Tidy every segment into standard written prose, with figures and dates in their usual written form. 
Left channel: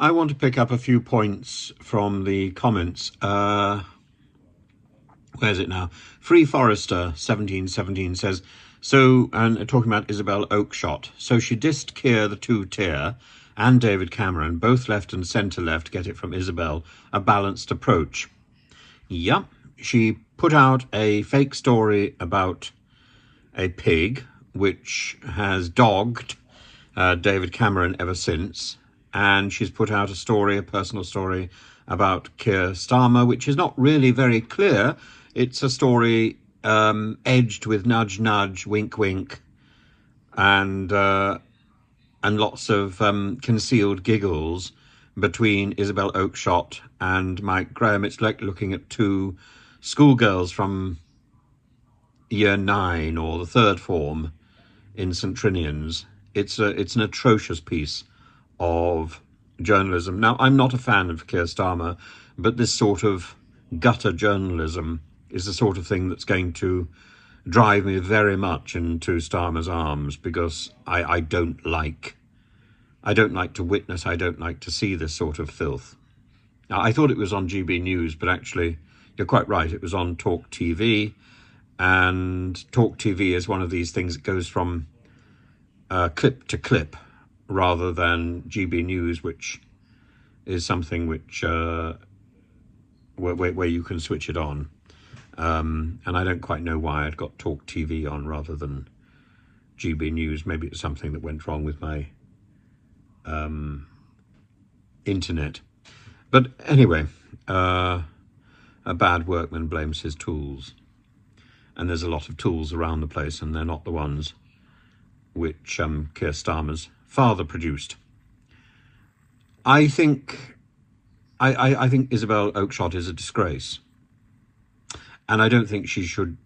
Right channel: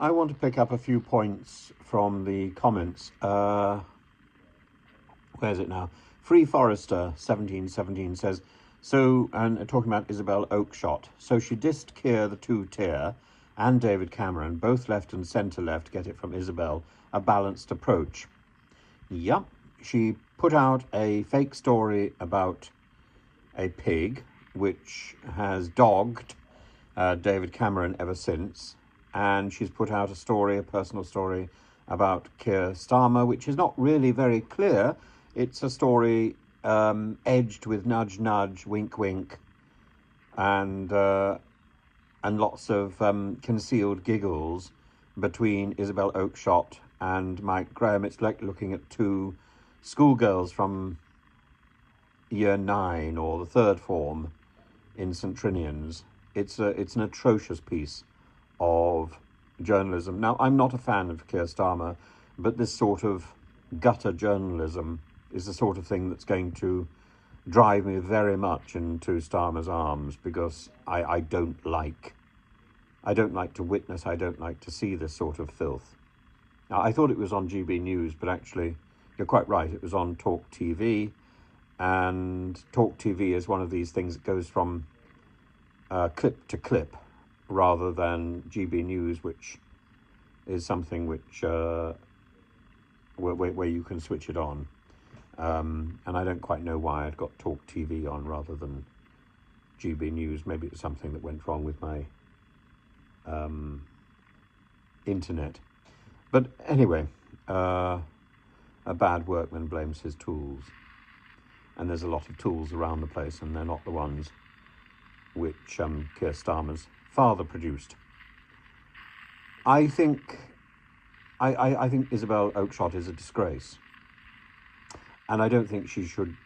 I want to pick up a few points from the comments. Where's it now? Free Forester 1717 says, so, and talking about Isabel Oakeshott, so she dissed Keir the two-tier and David Cameron, both left and centre left, get it from Isabel, a balanced approach. Yep, she put out a fake story about a pig, which has dogged David Cameron ever since, and she's put out a story, a personal story, about Keir Starmer, which is not really very clear. It's a story edged with nudge, nudge, wink, wink, and lots of concealed giggles between Isabel Oakeshott and Mike Graham. It's like looking at two schoolgirls from year 9 or the third form in St Trinian's. It's an atrocious piece of journalism. Now, I'm not a fan of Keir Starmer, but this sort of gutter journalism is the sort of thing that's going to drive me very much into Starmer's arms, because I don't like to witness, I don't like to see this sort of filth. Now, I thought it was on GB News, but actually, you're quite right, it was on Talk TV, and Talk TV is one of these things that goes from clip to clip, rather than GB News, which is something which where you can switch it on. And I don't quite know why I'd got Talk TV on rather than GB News. Maybe it's something that went wrong with my internet. But anyway, a bad workman blames his tools. And there's a lot of tools around the place, and they're not the ones which Keir Starmer's father produced. I think Isabel Oakeshott is a disgrace. And I don't think she should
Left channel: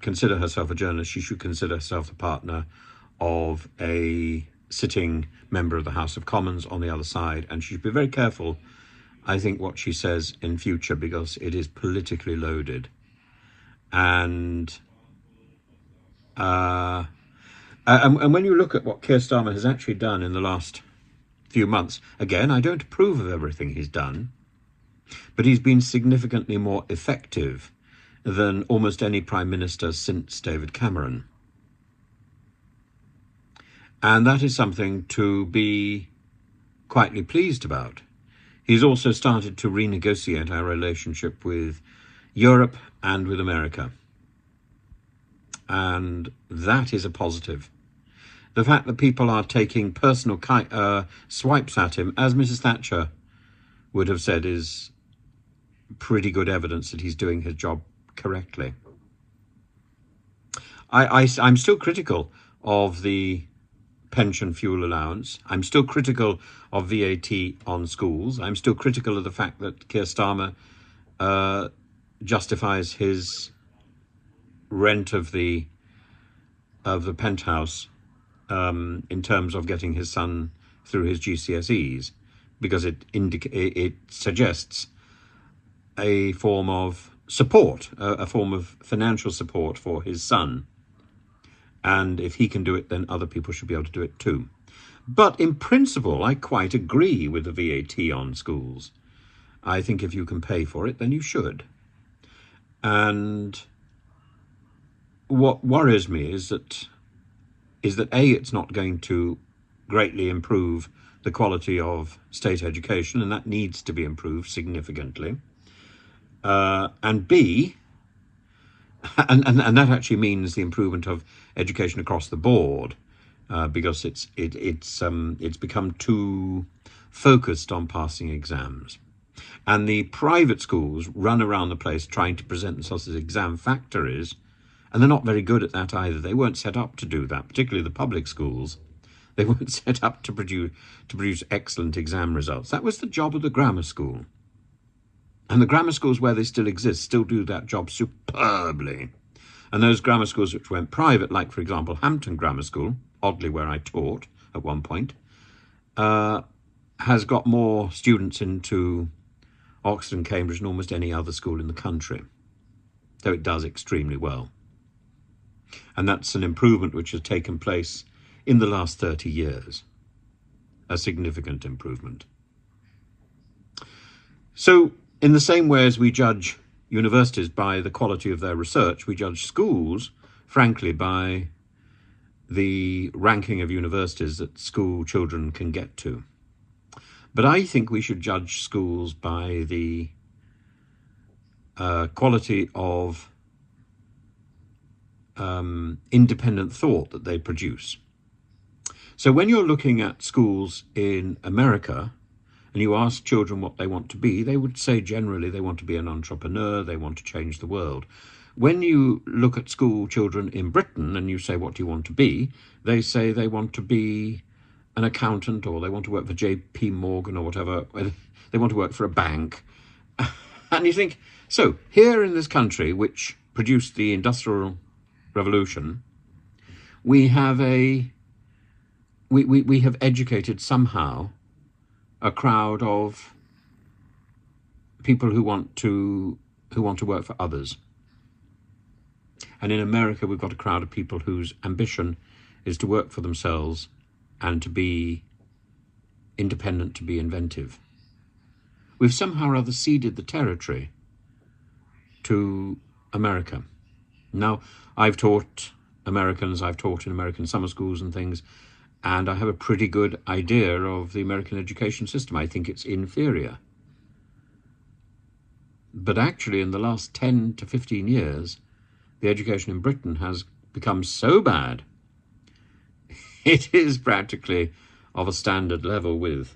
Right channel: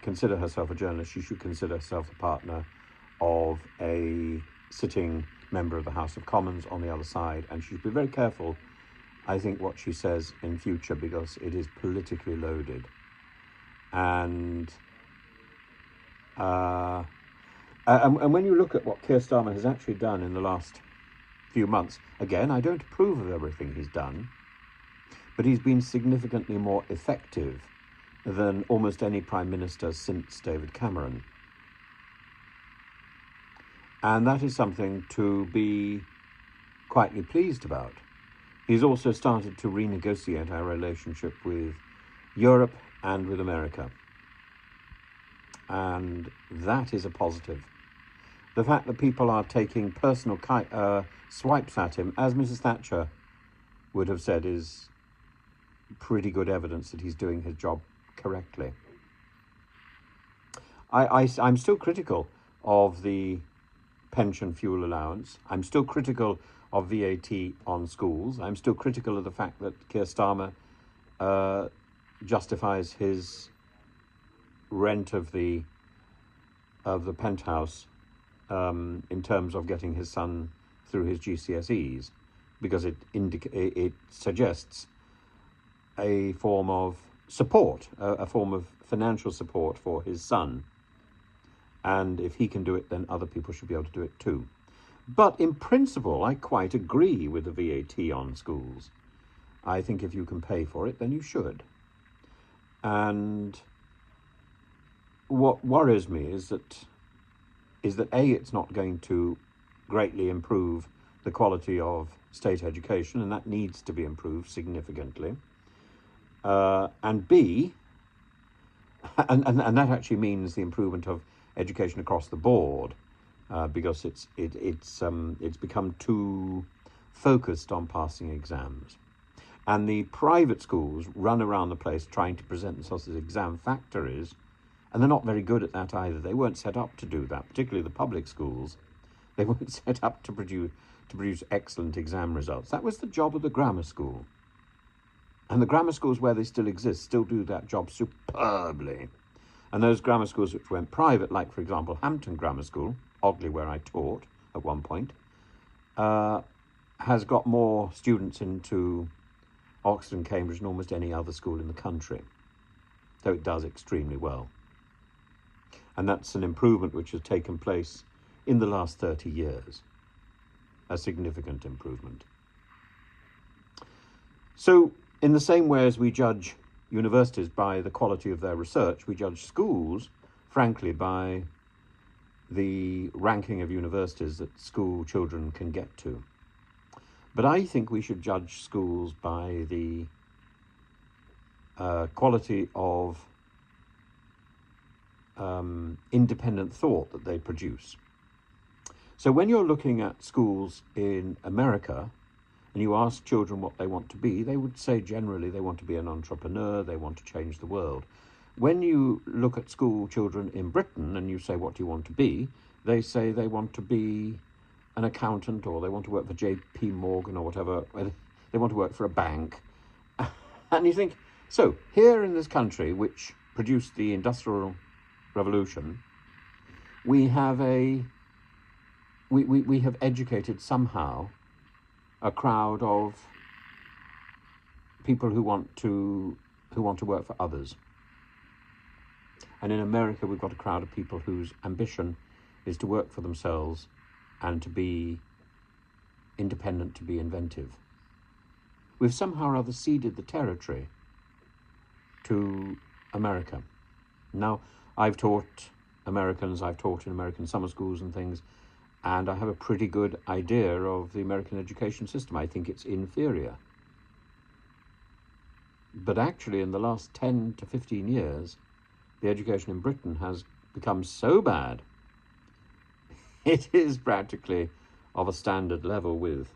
consider herself a journalist. She should consider herself the partner of a sitting member of the House of Commons on the other side. And she should be very careful, I think, what she says in future, because it is politically loaded. And when you look at what Keir Starmer has actually done in the last few months, again, I don't approve of everything he's done, but he's been significantly more effective than almost any Prime Minister since David Cameron. And that is something to be quietly pleased about. He's also started to renegotiate our relationship with Europe and with America. And that is a positive. The fact that people are taking personal swipes at him, as Mrs. Thatcher would have said, is pretty good evidence that he's doing his job correctly. I'm still critical of the pension fuel allowance. I'm still critical of VAT on schools. I'm still critical of the fact that Keir Starmer justifies his rent of the penthouse in terms of getting his son through his GCSEs, because it suggests a form of support, a form of financial support for his son. And if he can do it, then other people should be able to do it too. But in principle, I quite agree with the VAT on schools. I think if you can pay for it, then you should. And what worries me is that A, it's not going to greatly improve the quality of state education, and that needs to be improved significantly. And B, and that actually means the improvement of education across the board, because it's become too focused on passing exams. And the private schools run around the place trying to present themselves as exam factories, and they're not very good at that either. They weren't set up to do that, particularly the public schools. They weren't set up to produce excellent exam results. That was the job of the grammar school. And the grammar schools where they still exist still do that job superbly. And those grammar schools which went private, like, for example, Hampton Grammar School, oddly where I taught at one point, has got more students into Oxford and Cambridge than almost any other school in the country, though it does extremely well. And that's an improvement which has taken place in the last 30 years, a significant improvement. So in the same way as we judge universities by the quality of their research, we judge schools, frankly, by the ranking of universities that school children can get to. But I think we should judge schools by the quality of independent thought that they produce. So when you're looking at schools in America and you ask children what they want to be, they would say generally they want to be an entrepreneur, they want to change the world. When you look at school children in Britain and you say, what do you want to be? They say they want to be an accountant, or they want to work for J.P. Morgan or whatever. They want to work for a bank. And you think, so here in this country, which produced the Industrial Revolution, we have we have educated somehow a crowd of people who want to work for others. And in America, we've got a crowd of people whose ambition is to work for themselves and to be independent, to be inventive. We've somehow or other ceded the territory to America. Now, I've taught Americans, I've taught in American summer schools and things, and I have a pretty good idea of the American education system. I think it's inferior. But actually, in the last 10 to 15 years, the education in Britain has become so bad, it is practically of a standard level with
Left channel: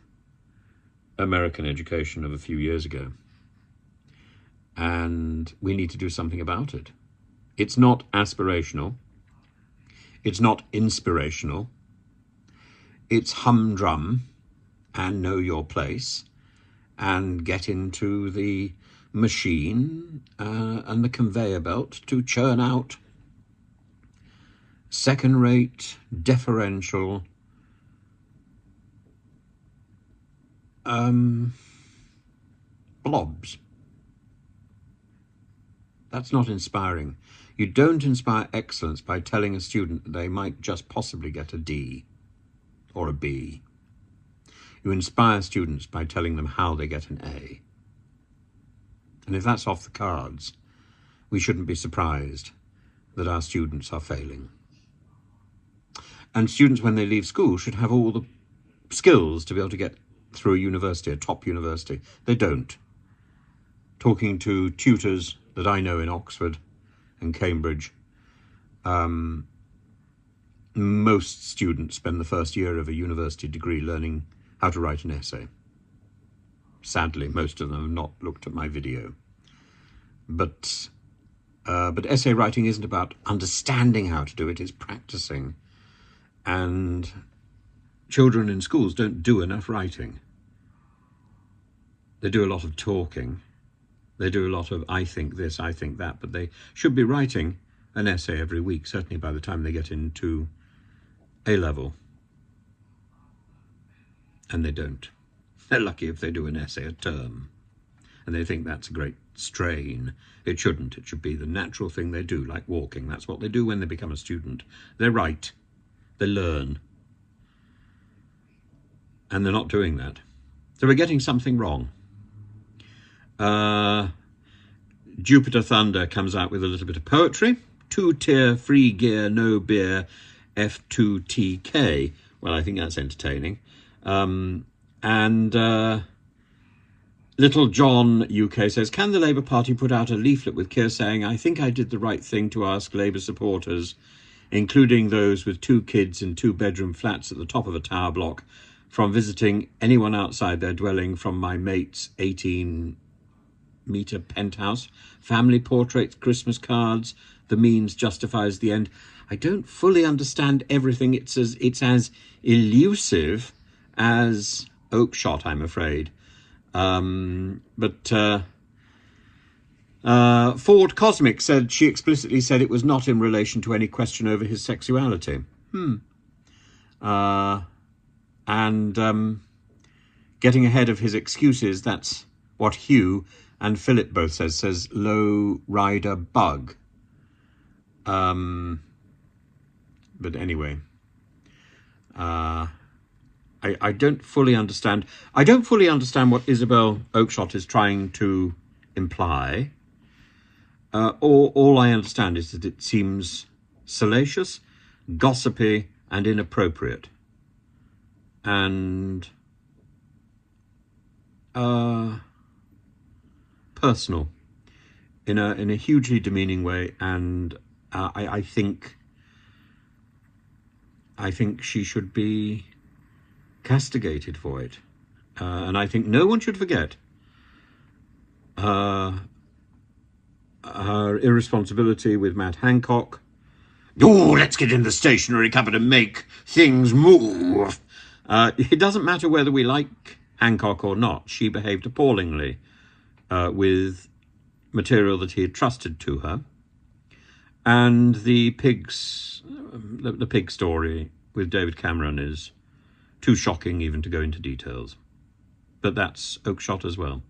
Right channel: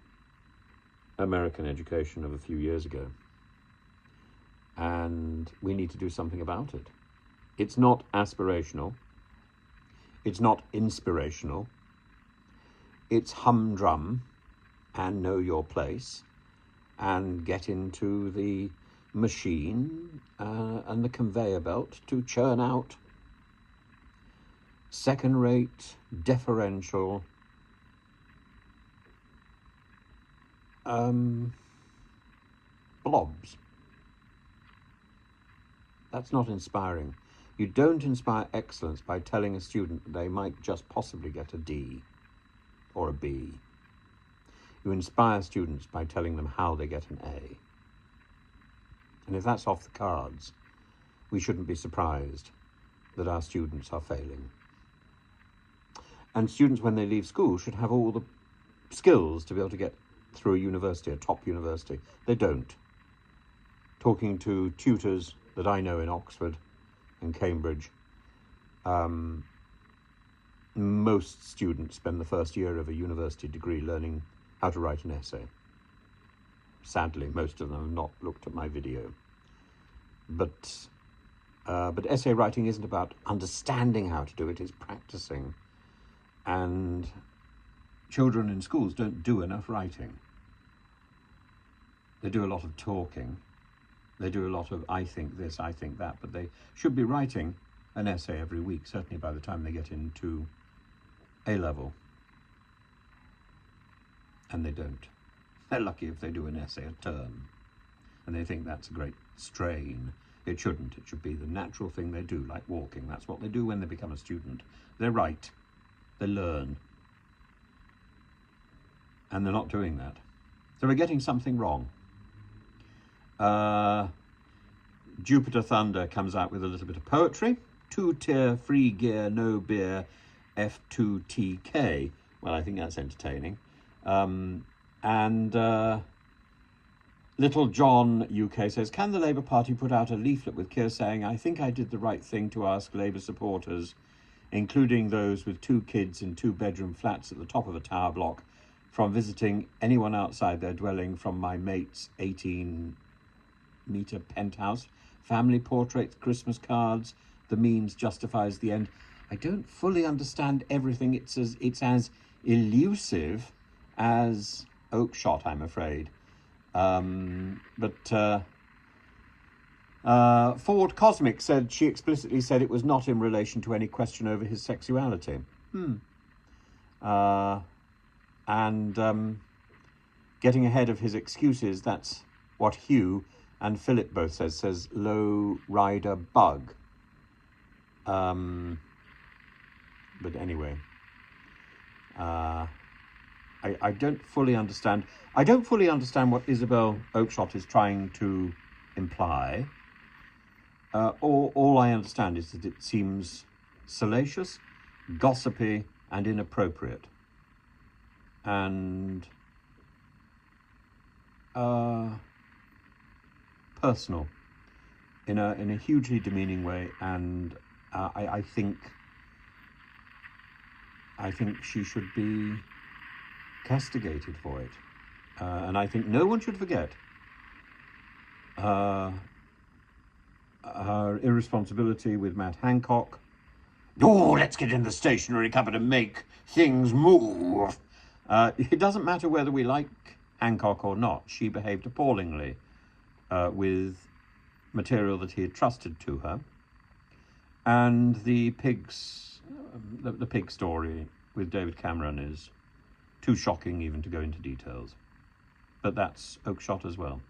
American education of a few years ago. And we need to do something about it. It's not aspirational. It's not inspirational. It's humdrum and know your place and get into the machine and the conveyor belt to churn out second-rate, deferential, blobs. That's not inspiring. You don't inspire excellence by telling a student that they might just possibly get a D or a B. You inspire students by telling them how they get an A. And if that's off the cards, we shouldn't be surprised that our students are failing. And students, when they leave school, should have all the skills to be able to get through a university, a top university. They don't. Talking to tutors that I know in Oxford and Cambridge, most students spend the first year of a university degree learning how to write an essay. Sadly, most of them have not looked at my video. But essay writing isn't about understanding how to do it, it's practicing. And children in schools don't do enough writing. They do a lot of talking. They do a lot of I think this, I think that, but they should be writing an essay every week, certainly by the time they get into A-level. And they don't. They're lucky if they do an essay a term. And they think that's a great strain. It shouldn't. It should be the natural thing they do, like walking. That's what they do when they become a student. They write. They learn. And they're not doing that. So we're getting something wrong. Jupiter Thunder comes out with a little bit of poetry. 2-tier, free gear, no beer, F2TK. Well, I think that's entertaining. Little John UK says, can the Labour Party put out a leaflet with Keir saying, I think I did the right thing to ask Labour supporters, including those with 2 kids in 2-bedroom flats at the top of a tower block, from visiting anyone outside their dwelling from my mate's 18-metre penthouse. Family portraits, Christmas cards, the means justifies the end. I don't fully understand everything. It's as elusive as Oakeshott, I'm afraid. Ford Cosmic said she explicitly said it was not in relation to any question over his sexuality. Getting ahead of his excuses, that's what Hugh and Philip both says low rider bug. But anyway, I don't fully understand. I don't fully understand what Isabel Oakeshott is trying to imply. All I understand is that it seems salacious, gossipy, and inappropriate, and personal in a hugely demeaning way. And I think she should be castigated for it. And I think no one should forget her irresponsibility with Matt Hancock. Oh, let's get in the stationery cupboard and make things move. It doesn't matter whether we like Hancock or not. She behaved appallingly with material that he had trusted to her. And the pig story with David Cameron is too shocking even to go into details. But that's Oakeshott as well.